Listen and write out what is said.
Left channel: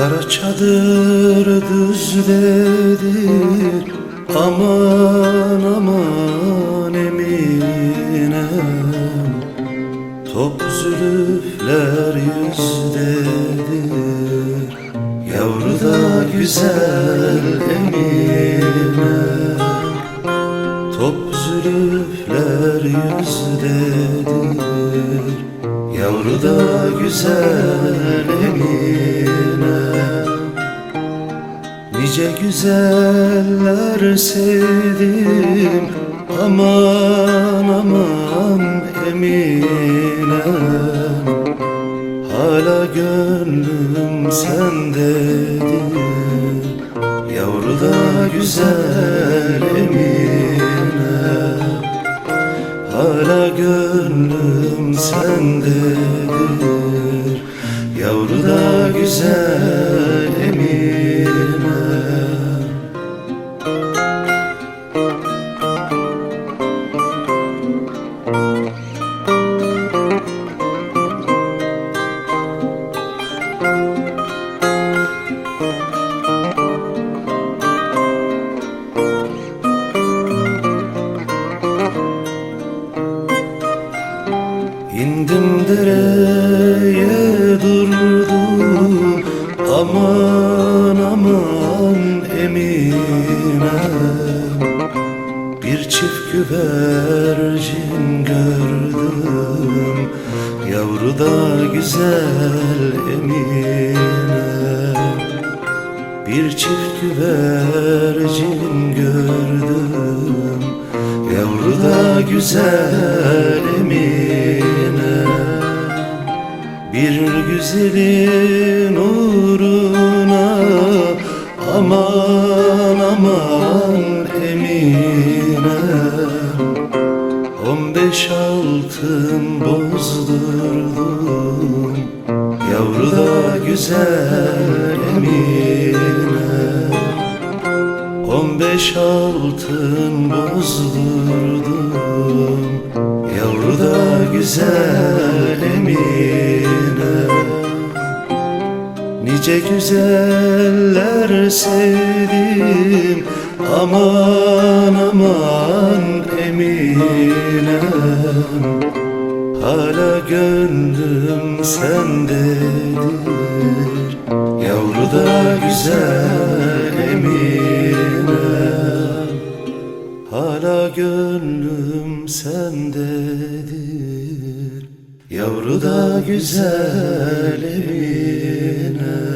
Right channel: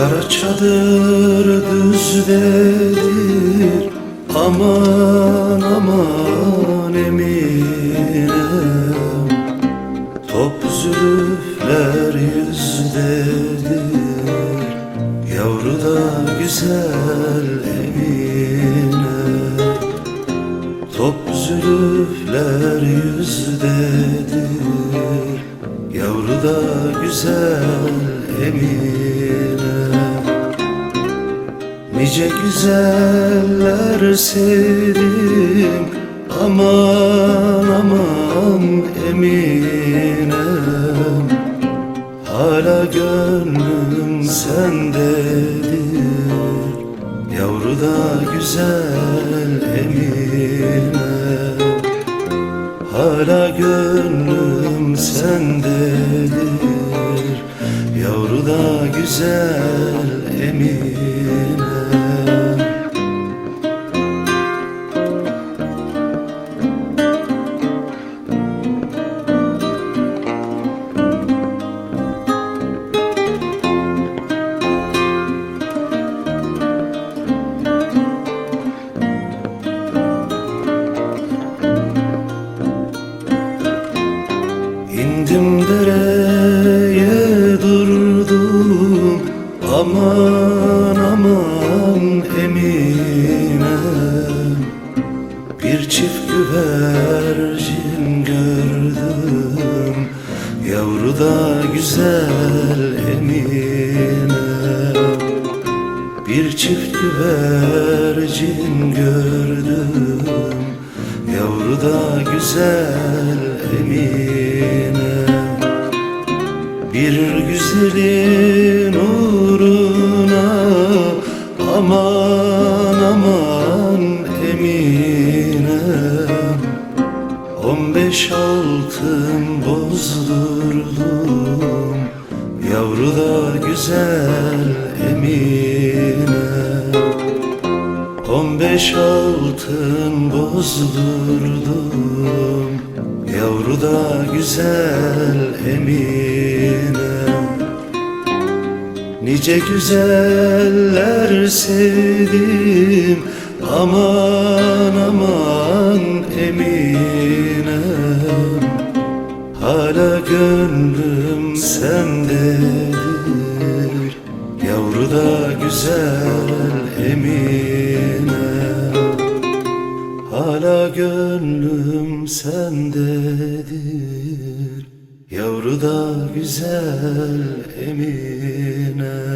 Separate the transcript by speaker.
Speaker 1: Kara çadır düzdedir Aman aman eminem. Top zülüfler yüzdedir Yavru da güzel emine Top zülüfler yüzdedir Yavru da güzel emine Nice güzeller sevdim Aman aman eminem. Hala gönlüm sendedir Yavru da güzel emine Hala gönlüm sendedir Yavru da güzel emine İndim dereye durdum Aman aman eminem Bir çift güvercin gördüm Yavru da güzel eminem bir çift güvercin gördüm Yavru da güzel emine. Bir güzelin uğruna Aman aman eminem On beş altın bozdurdum. Yavru da güzel emine On beş altın bozdurdum. Yavru da güzel emine. Nice güzeller sevdim. Aman aman eminem Hala gönlüm sendedir. Yavru da güzel emine gönlüm sendedir. Yavru da güzel emine